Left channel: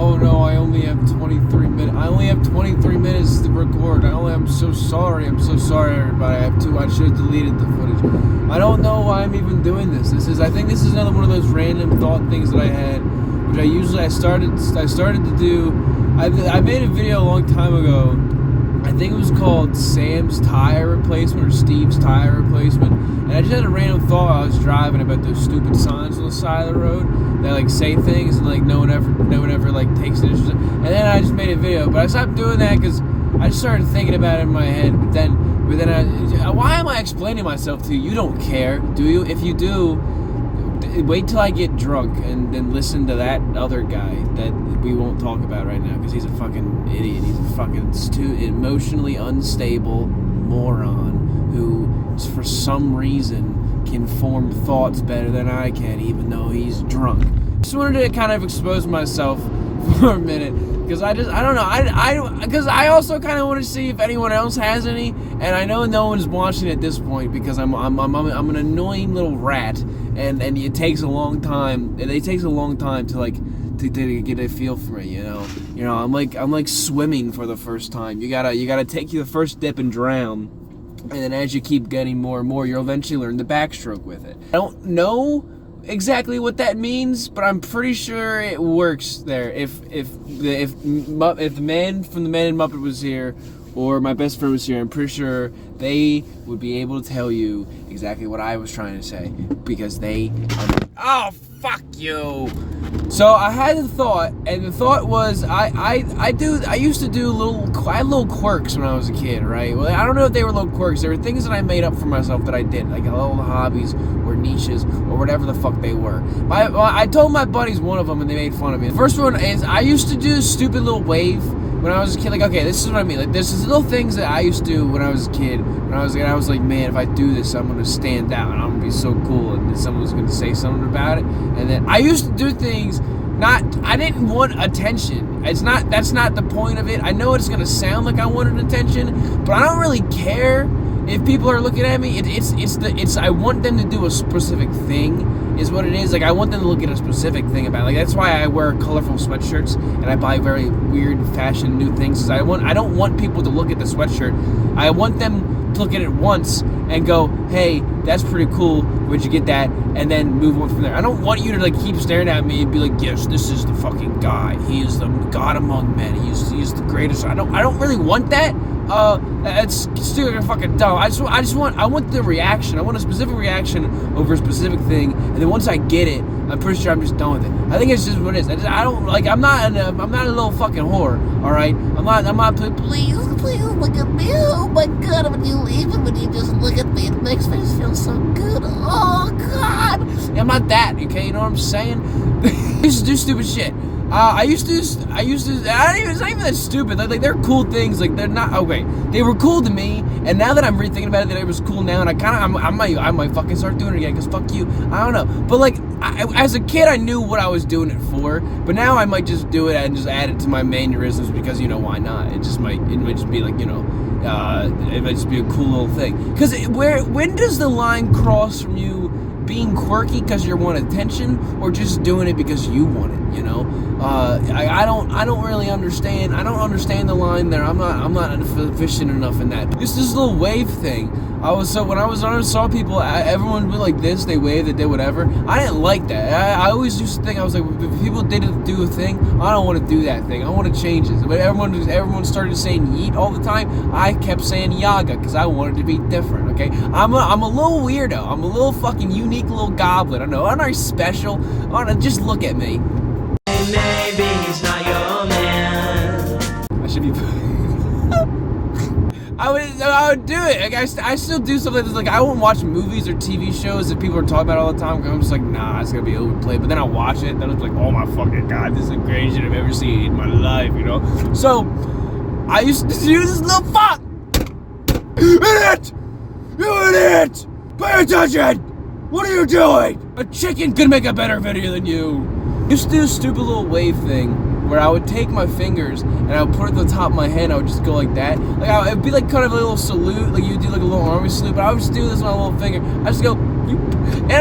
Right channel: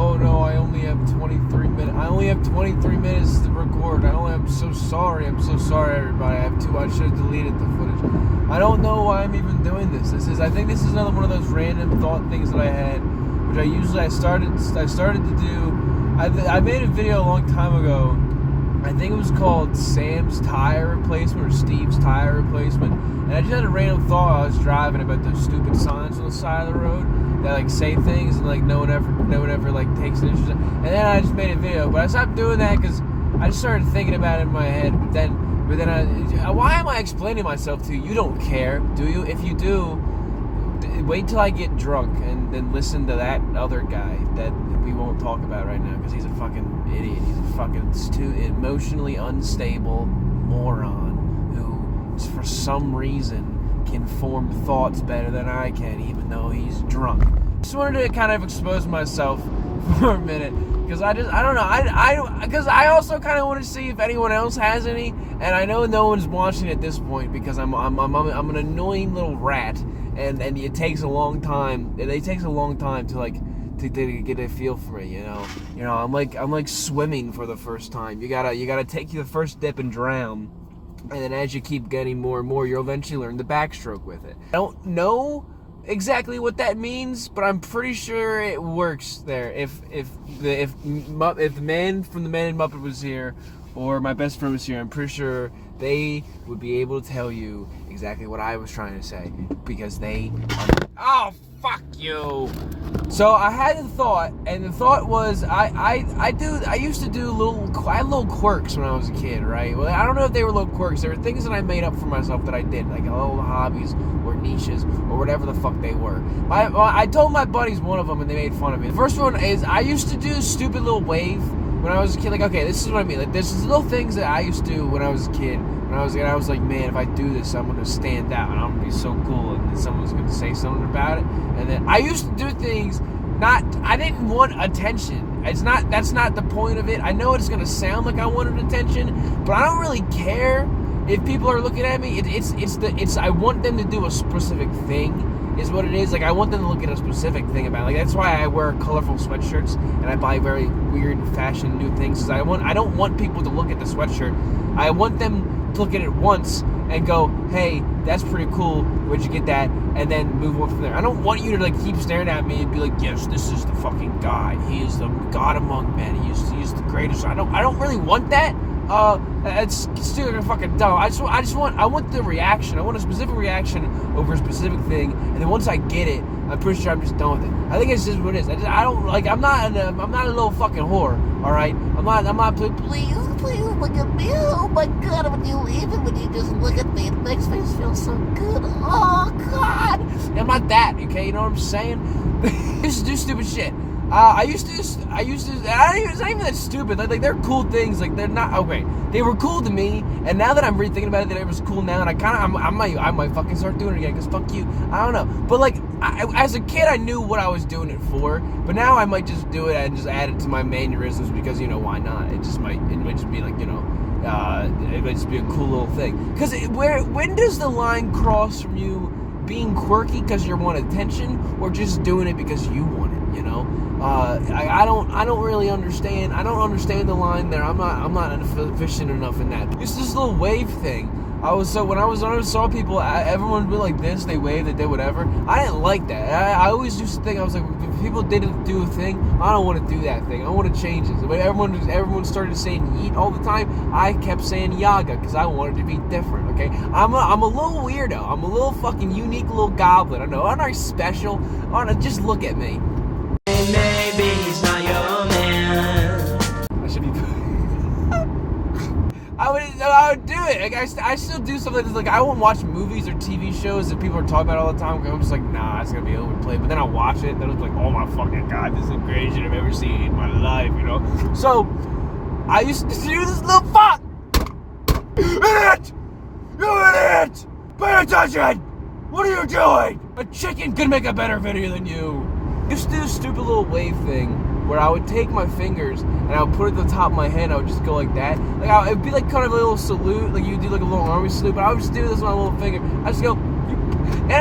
oh no, I only have 23 minutes. I only have 23 minutes to record. I'm so sorry. I'm so sorry, everybody. I should have deleted the footage. I don't know why I'm even doing this. I think this is another one of those random thought things that I had, which I started to do. I made a video a long time ago. I think it was called Sam's Tire Replacement or Steve's Tire Replacement. And I just had a random thought while I was driving about those stupid signs on the side of the road that like say things and like no one ever like takes an interest in. And then I just made a video, but I stopped doing that because I just started thinking about it in my head. But then why am I explaining myself to you? You don't care, do you? If you do, wait till I get drunk and then listen to that other guy that we won't talk about right now because he's a fucking idiot. He's a fucking emotionally unstable moron who, for some reason, can form thoughts better than I can, even though he's drunk. Just wanted to kind of expose myself for a minute because I don't know. Because I also kind of want to see if anyone else has any, and I know no one's watching at this point because I'm an annoying little rat, and it takes a long time. It takes a long time to like to get a feel for it, you know. I'm like swimming for the first time. You gotta take the first dip and drown. And then as you keep getting more and more, you'll eventually learn the backstroke with it. I don't know exactly what that means, but I'm pretty sure it works there. If the man from the Man in Muppet was here, or my best friend was here, I'm pretty sure they would be able to tell you exactly what I was trying to say, because they oh, fuck you. So I had a thought, and the thought was I used to do I had little quirks when I was a kid, right? Well, I don't know if they were little quirks. They were things that I made up for myself that I did, like little hobbies or niches or whatever the fuck they were. I told my buddies one of them, and they made fun of me. The first one is I used to do stupid little wave when I was a kid. Like, okay, this is what I mean. Like, this is little things that I used to do when I was a kid. When I was like, man, if I do this, I'm gonna stand out, and I'm gonna be so cool, and then someone's gonna say something about it. And then I used to do things. I didn't want attention. That's not the point of it. I know it's gonna sound like I wanted attention, but I don't really care if people are looking at me. I want them to do a specific thing, is what it is. Like, I want them to look at a specific thing about it. Like, that's why I wear colorful sweatshirts and I buy very weird fashion new things. I don't want people to look at the sweatshirt. I want them to look at it once and go, hey, that's pretty cool, where'd you get that? And then move on from there. I don't want you to like keep staring at me and be like, yes, this is the fucking guy. He is the God among men. He's the greatest. I don't really want that. It's still fucking dumb. I want the reaction. I want a specific reaction over a specific thing, and then once I get it, I'm pretty sure I'm just done with it. I think it's just what it is. I'm not a little fucking whore. All right, I'm not. Please look at me. Oh my God, even when you just look at me, it makes me feel so good. Oh God, I'm not that. Okay, you know what I'm saying? I used to do stupid shit. It's not even that stupid. Like they're cool things. Like, they're not, okay, they were cool to me, and now that I'm rethinking about it, that it was cool now, and I might fucking start doing it again, because fuck you. I don't know. But like, as a kid, I knew what I was doing it for, but now I might just do it and just add it to my mannerisms, because, you know, why not? It might just be like, you know, it might just be a cool little thing. Because when does the line cross from you being quirky because you want attention, or just doing it because you want it, you know? I don't really understand. I don't understand the line there. I'm not efficient enough in that. This little wave thing. When I saw people, everyone would be like this, they waved, they did whatever. I didn't like that. I always used to think, I was like, if people didn't do a thing, I don't want to do that thing. I want to change it. But everyone started saying yeet all the time. I kept saying yaga because I wanted to be different. Okay, I'm a little weirdo. I'm a little fucking unique little goblin. I know. Aren't I special? Just look at me. Maybe he's not your man. I should be. I would do it. Like, I still do something like I won't watch movies or TV shows that people are talking about all the time. I'm just like, nah, it's gonna be overplayed. But then I'll watch it, and it's like, oh my fucking God, this is the greatest shit I've ever seen in my life, you know? So I used to do this little fuck. Idiot! You idiot! Pay attention! What are you doing? A chicken could make a better video than you. I used to do a stupid little wave thing where I would take my fingers and I would put it at the top of my head and I would just go like that. Like, it would be like kind of a little salute, like you do like a little army salute, but I would just do this with my little finger. I just go, And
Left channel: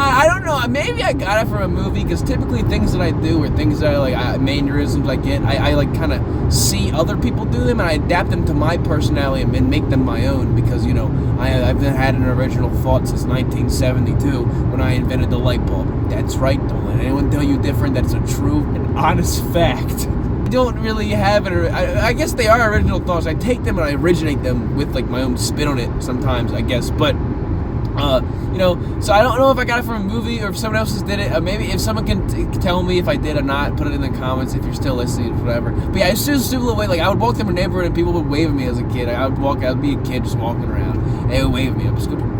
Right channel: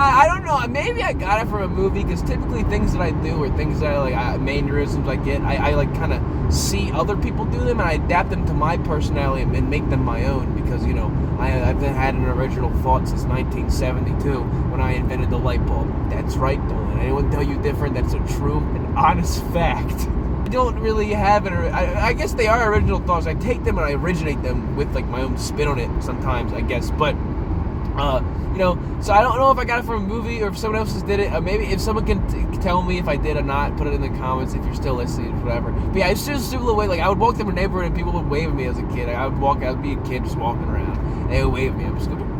I don't know, maybe I got it from a movie, because typically things that I do or things that mannerisms I get, I like kind of see other people do them and I adapt them to my personality and make them my own, because, you know, I've had an original thought since 1972 when I invented the light bulb. That's right, don't let anyone tell you different. That's a true and honest fact. I don't really have it. I guess they are original thoughts. I take them and I originate them with like my own spin on it sometimes, I guess. But you know, so I don't know if I got it from a movie or if someone else just did it. Maybe if someone can tell me if I did or not, put it in the comments if you're still listening or whatever. But yeah, it's just a stupid way. Like, I would walk through my neighborhood and people would wave at me as a kid. I'd be a kid just walking around and they would wave at me. I'm just going,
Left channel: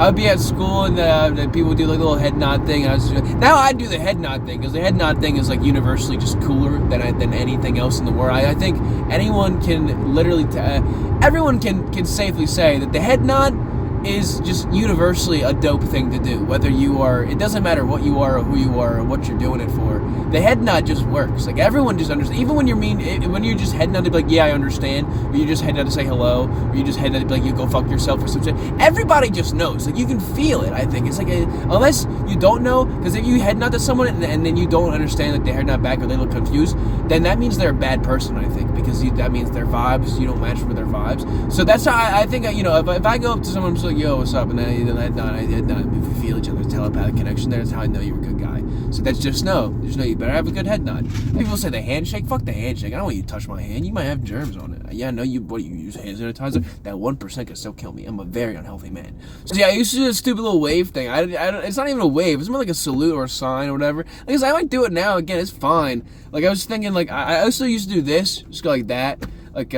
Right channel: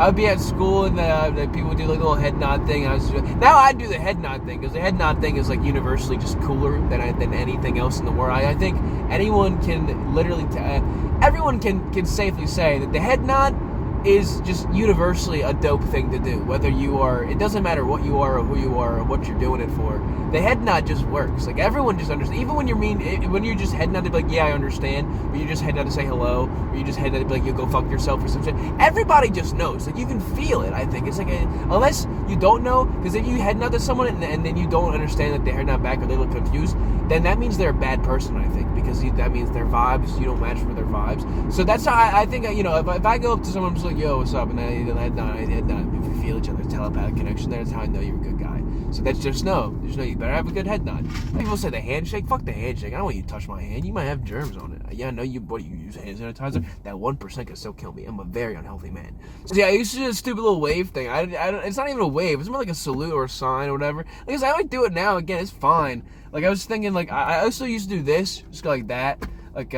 I would be at school and people would do like a little head nod thing. Now I do the head nod thing, because the head nod thing is like universally just cooler than anything else in the world. I think anyone can literally, everyone can safely say that the head nod is just universally a dope thing to do. Whether you are, it doesn't matter what you are or who you are or what you're doing it for. The head nod just works. Like, everyone just understands. Even when when you're just head nod to be like, yeah, I understand, or you just head nod to say hello, or you just head nod to be like, you go fuck yourself or some shit. Everybody just knows. Like, you can feel it, I think. It's like, unless you don't know, because if you head nod to someone and then you don't understand that they head nod back or they look confused, then that means they're a bad person, I think, because that means their vibes, you don't match with their vibes. So that's how I think, you know, if I go up to someone, I'm just like, yo, what's up? And then I head nod. If we feel each other's telepathic connection there, that's how I know you're a good guy. So that's just know you better have a good head nod. People say the handshake. Fuck the handshake. I don't want you to touch my hand. You might have germs on it. Yeah, no, you use hand sanitizer? That 1% can still kill me. I'm a very unhealthy man. So yeah, I used to do a stupid little wave thing. It's not even a wave. It's more like a salute or a sign or whatever. Like, I might do it now. Again, it's fine. Like, I was thinking, like, I also used to do this. Just go like that. Like,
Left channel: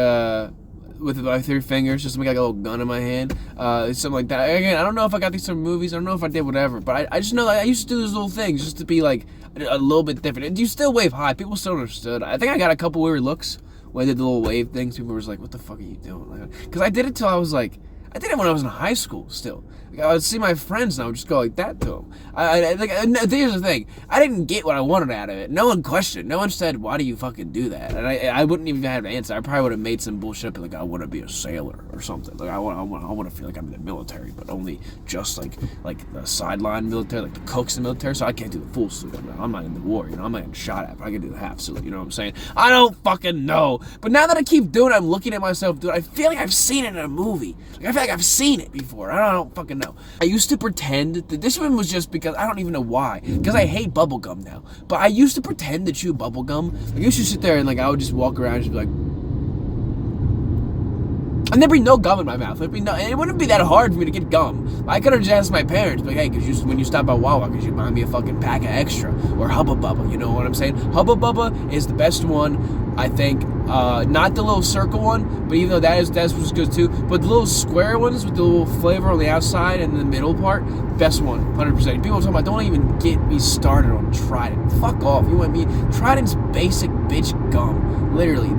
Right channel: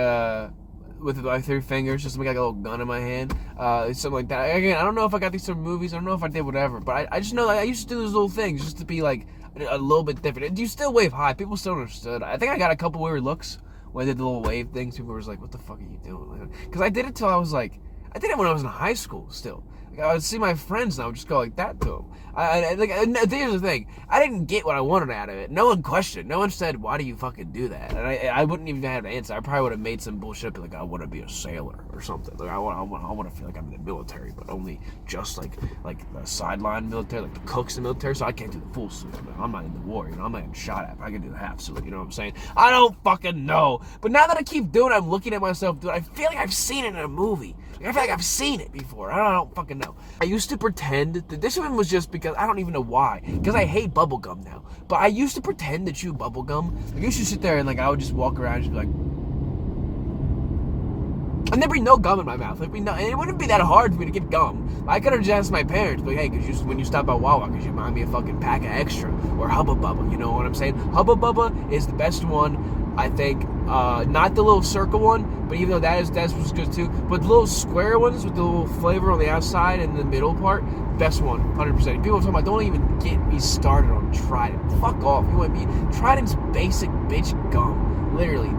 with my 3 fingers, just to make like a little gun in my hand, something like that. Again, I don't know if I got these from movies, I don't know if I did whatever, but I just know that I used to do those little things just to be like a little bit different. And you still wave high, people still understood. I think I got a couple weird looks when I did the little wave things. People were like, what the fuck are you doing? Because I did it till I was like, I did it when I was in high school still. Like, I would see my friends and I would just go like that to them. Here's the thing. I didn't get what I wanted out of it. No one questioned. No one said, why do you fucking do that? And I wouldn't even have an answer. I probably would have made some bullshit, like, I want to be a sailor or something. Like, I want to feel like I'm in the military, but only just like the sideline military, like the cooks in the military. So I can't do the full suit. I'm not in the war, you know. I'm not getting shot at, but I can do the half suit. You know what I'm saying? I don't fucking know. But now that I keep doing it, I'm looking at myself do it. I feel like I've seen it in a movie. Like, I feel like I've seen it before. I don't fucking know. I used to pretend that this one was just because I don't even know why. Because I hate bubblegum now. But I used to pretend to chew bubblegum. Like, I used to sit there and like I would just walk around and just be like, and there'd be no gum in my mouth. And it wouldn't be that hard for me to get gum. I could have just asked my parents, like, hey, when you stop by Wawa, could you buy me a fucking pack of extra? Or Hubba Bubba, you know what I'm saying? Hubba Bubba is the best one, I think. Not the little circle one, but even though that's what's good too. But the little square ones with the little flavor on the outside and the middle part, best one, 100%. People are talking about, don't even get me started on Trident. Fuck off. You want me? Trident's basic bitch gum. Literally.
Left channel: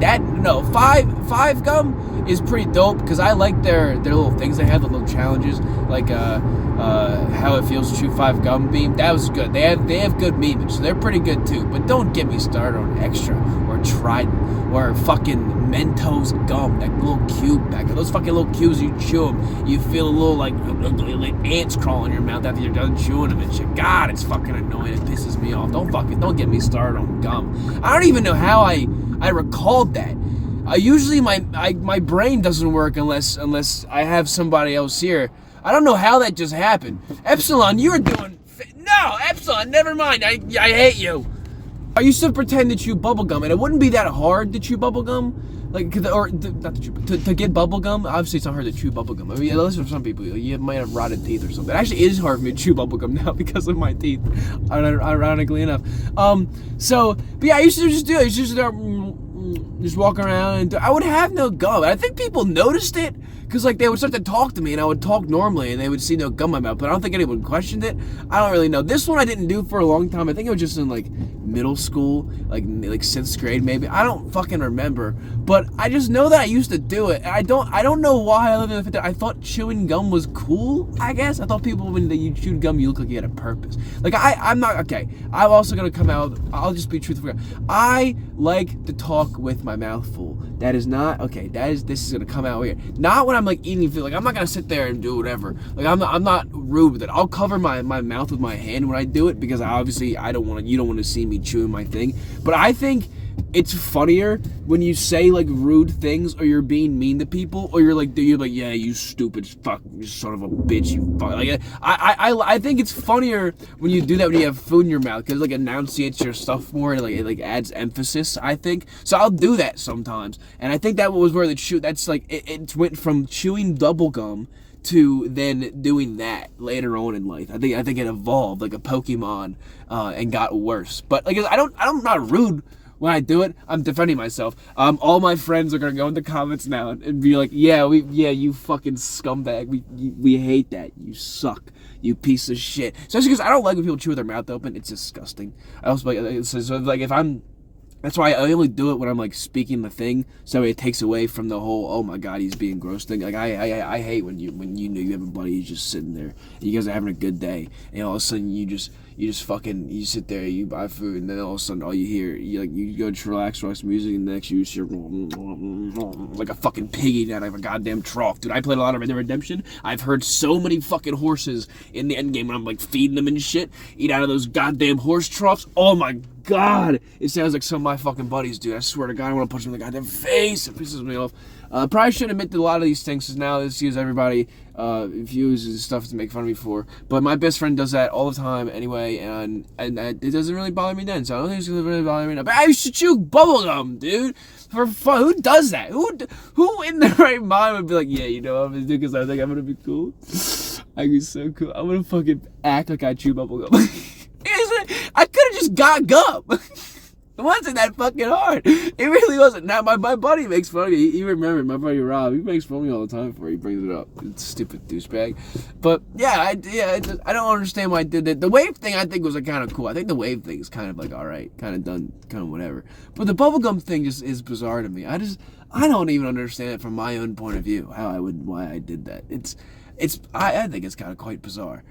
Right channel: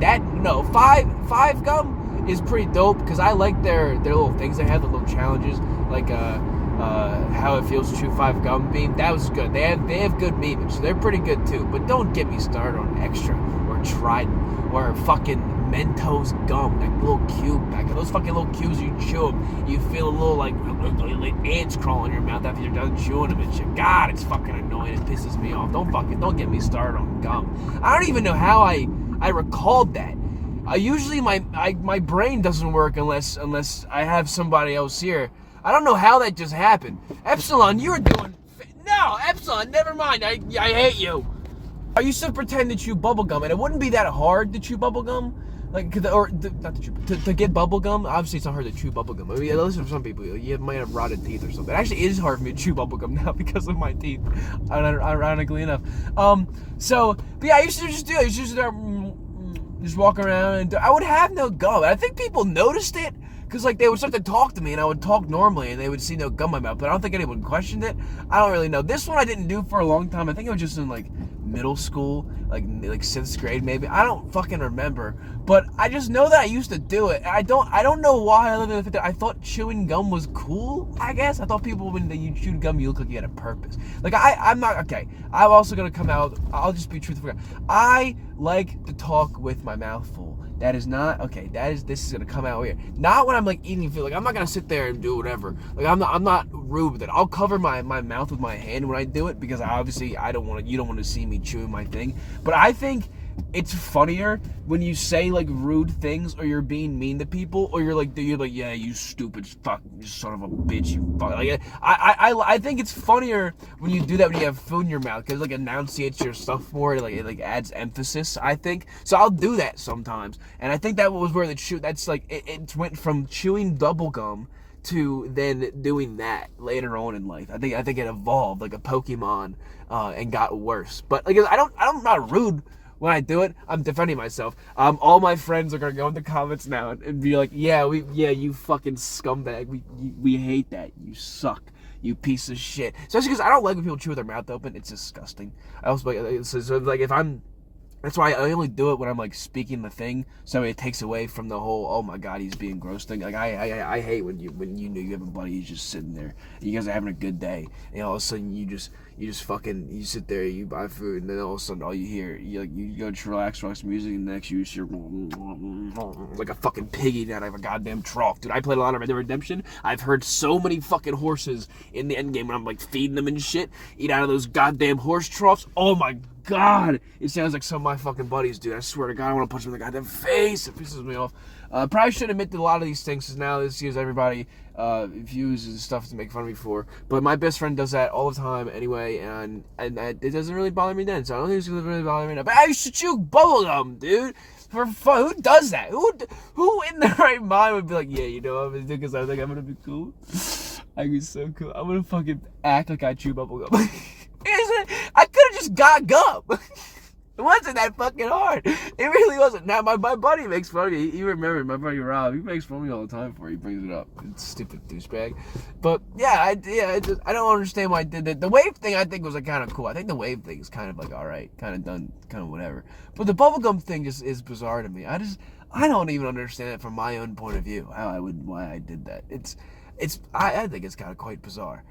Five gum is pretty dope because I like their little things they have, the little challenges, like how it feels to chew 5 gum beam. That was good. They have good meat, so they're pretty good too. But don't get me started on Extra or Trident or fucking Mentos gum, that little cube back. Those fucking little cubes, you chew them, you feel a little like ants crawl in your mouth after you're done chewing them and shit. God, it's fucking annoying. It pisses me off. Don't get me started on gum. I don't even know how I recalled that. Usually my brain doesn't work unless I have somebody else here. I don't know how that just happened. Epsilon, you're doing... No, Epsilon, never mind. I hate you. I used to pretend to chew bubblegum, and it wouldn't be that hard to chew bubblegum. Like, not to chew, to get bubblegum. Obviously, it's not hard to chew bubblegum. I mean, at least for some people, you might have rotted teeth or something. Actually, it is hard for me to chew bubblegum now because of my teeth, ironically enough. But yeah, I used to just do it. I used to just walk around, and I would have no gum. I think people noticed it, because like they would start to talk to me and I would talk normally and they would see no gum in my mouth, but I don't think anyone questioned it. I don't really know. This one I didn't do for a long time. I think it was just in like middle school, like 6th grade maybe. I don't fucking remember, but I just know that I used to do it. I don't know why I lived in the fact that I thought chewing gum was cool, I guess. I thought people, when you chewed gum, you look like you had a purpose. Like, I'm not, okay, I'm also gonna come out, I'll just be truthful. I like to talk with my mouth full. That is not, this is gonna come out weird. Not when I'm like eating food. Like, I'm not gonna sit there and do whatever. Like, I'm not rude with it. I'll cover my mouth with my hand when I do it because you don't want to see me chewing my thing. But I think it's funnier when you say like rude things or you're being mean to people or you're like yeah, you stupid fuck, you son of a bitch, you fuck. Like I think it's funnier when you do that when you have food in your mouth because like enunciates your stuff more. It like adds emphasis. I think so. I'll do that sometimes, and I think that was where that's like it went from chewing bubble gum to then doing that later on in life. I think it evolved like a Pokemon and got worse. But like I'm not rude. When I do it, I'm defending myself. All my friends are gonna go in the comments now and be like, yeah, you fucking scumbag. We hate that. You suck. You piece of shit. Especially because I don't like when people chew with their mouth open. It's disgusting. I also like if I'm. That's why I only do it when I'm like speaking the thing, so it takes away from the whole "oh my god, he's being gross" thing. Like I hate when you know you have a buddy who's just sitting there, and you guys are having a good day, and all of a sudden you sit there, you buy food, and then all of a sudden all you hear you go to relax music, and the next you hear like a fucking piggy out of a goddamn trough. Dude, I played a lot of Red Dead Redemption. I've heard so many fucking horses in the end game when I'm like feeding them and shit, eat out of those goddamn horse troughs. Oh my god, it sounds like some of my fucking buddies, dude. I swear to God, I want to punch them in the goddamn face. It pisses me off. Probably shouldn't admit to a lot of these things because now this gives everybody views and stuff to make fun of me for. But my best friend does that all the time anyway, and it doesn't really bother me then. So I don't think it's gonna really bother me now. But I used to chew bubblegum, dude, for fun. Who does that? Who in their right mind would be like, yeah, you know, I'm gonna do because I think I'm gonna be cool. I be so cool. I'm gonna fucking act like I chew bubblegum. I could have just got gum. It wasn't that fucking hard. It really wasn't. Now my buddy makes fun of me. He remembered my buddy Rob. He makes fun of me all the time before he brings it up. It's stupid douchebag. But yeah, I don't understand why I did that. The wave thing I think was like kind of cool. I think the wave thing is kind of like all right, kind of done, kind of whatever. But the bubblegum thing just is bizarre to me. I don't even understand it from my own point of view why I did that. I think it's kind of quite bizarre.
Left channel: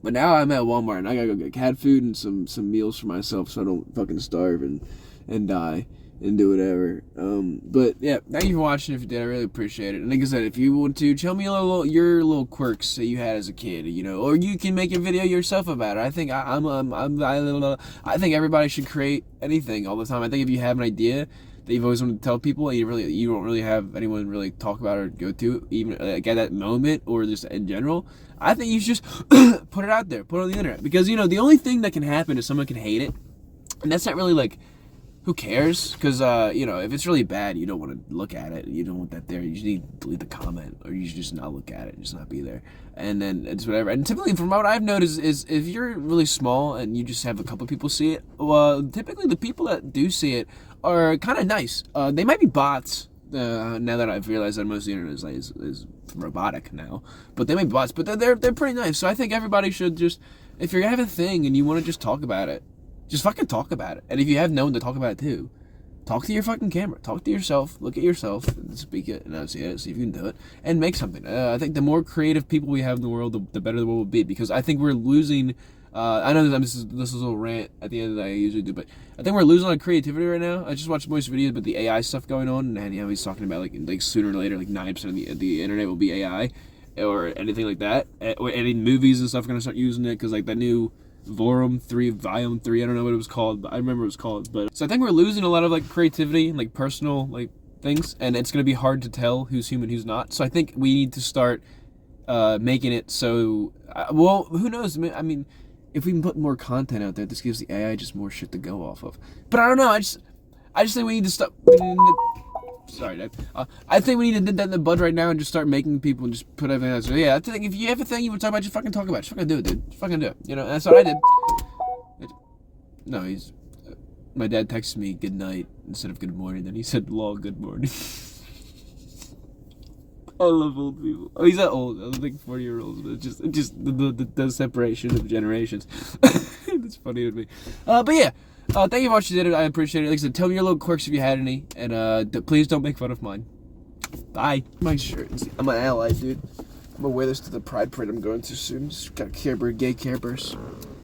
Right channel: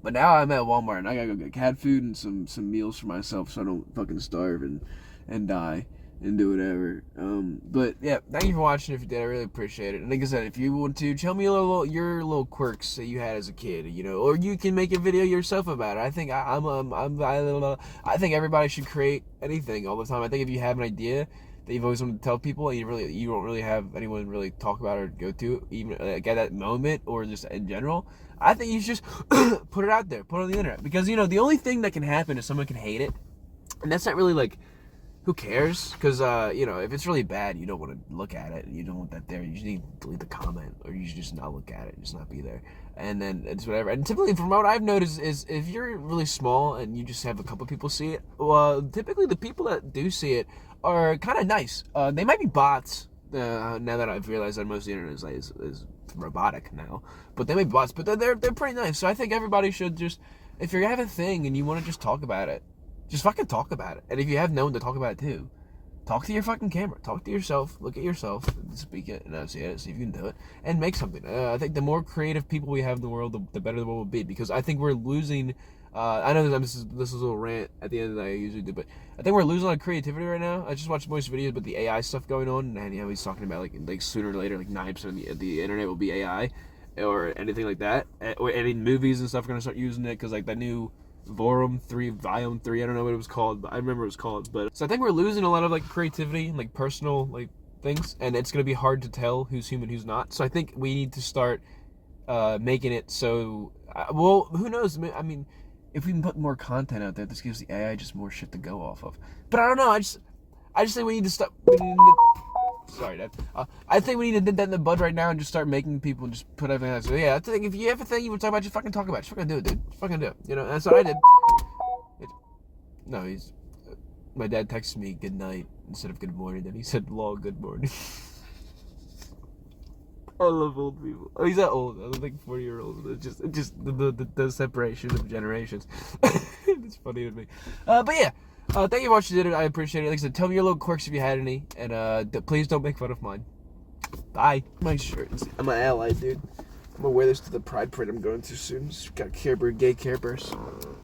But now I'm at Walmart and I gotta go get cat food and some meals for myself so I don't fucking starve and die and do whatever. But yeah, thank you for watching. If you did, I really appreciate it. And like I said, if you want to tell me your little quirks that you had as a kid, you know, or you can make a video yourself about it. I think I think everybody should create anything all the time. I think if you have an idea that you've always wanted to tell people, and you don't really have anyone really talk about or go to, even like at that moment or just in general, I think you should just put it out there, put it on the internet. Because, you know, the only thing that can happen is someone can hate it. And that's not really, like, who cares? Because, you know, if it's really bad, you don't want to look at it. You don't want that there. You just need to delete the comment. Or you should just not look at it. Just not be there. And then it's whatever. And typically, from what I've noticed, is if you're really small and you just have a couple people see it, well, typically the people that do see it are kind of nice. They might be bots. Now that I've realized that most of the internet is robotic now, but they make bots, but they're pretty nice. So I think everybody should just, if you have a thing and you want to just talk about it, just fucking talk about it. And if you have no one to talk about it too, talk to your fucking camera, talk to yourself, look at yourself, speak it, enunciate it, see if you can do it, and make something. I think the more creative people we have in the world, the better the world will be, because I think we're losing. I know this is a little rant at the end that I usually do, but I think we're losing a lot of creativity right now. I just watched most videos about the AI stuff going on, and you know, he's talking about like sooner or later, like 9% of the internet will be AI, or anything like that. Or any movies and stuff are gonna start using it because like that new Volume 3, I don't know what it was called, but I remember it was called. But so I think we're losing a lot of like creativity and like personal like things, and it's gonna be hard to tell who's human, who's not. So I think we need to start making it so. Well, who knows? I mean, if we can put more content out there, this gives the AI just more shit to go off of. But I don't know. I just think we need to stop. Sorry, Dad. I think we need to nip that in the bud right now and just start making people and just put everything out. So yeah, I think if you have a thing you want to talk about, just fucking talk about it. Just fucking do it, dude. Just fucking do it. You know, and that's what I did. No, my dad texted me good night instead of good morning. Then he said, "Lol, good morning." I love old people. Oh, he's not old. I don't think 40-year-olds, but just the separation of generations. It's funny with me. But yeah, thank you for watching it. I appreciate it. Like I said, tell me your little quirks if you had any, and please don't make fun of mine. Bye. My shirt. I'm an ally, dude. I'm gonna wear this to the Pride Parade I'm going to soon. Just got Care Bear, gay Care Bears.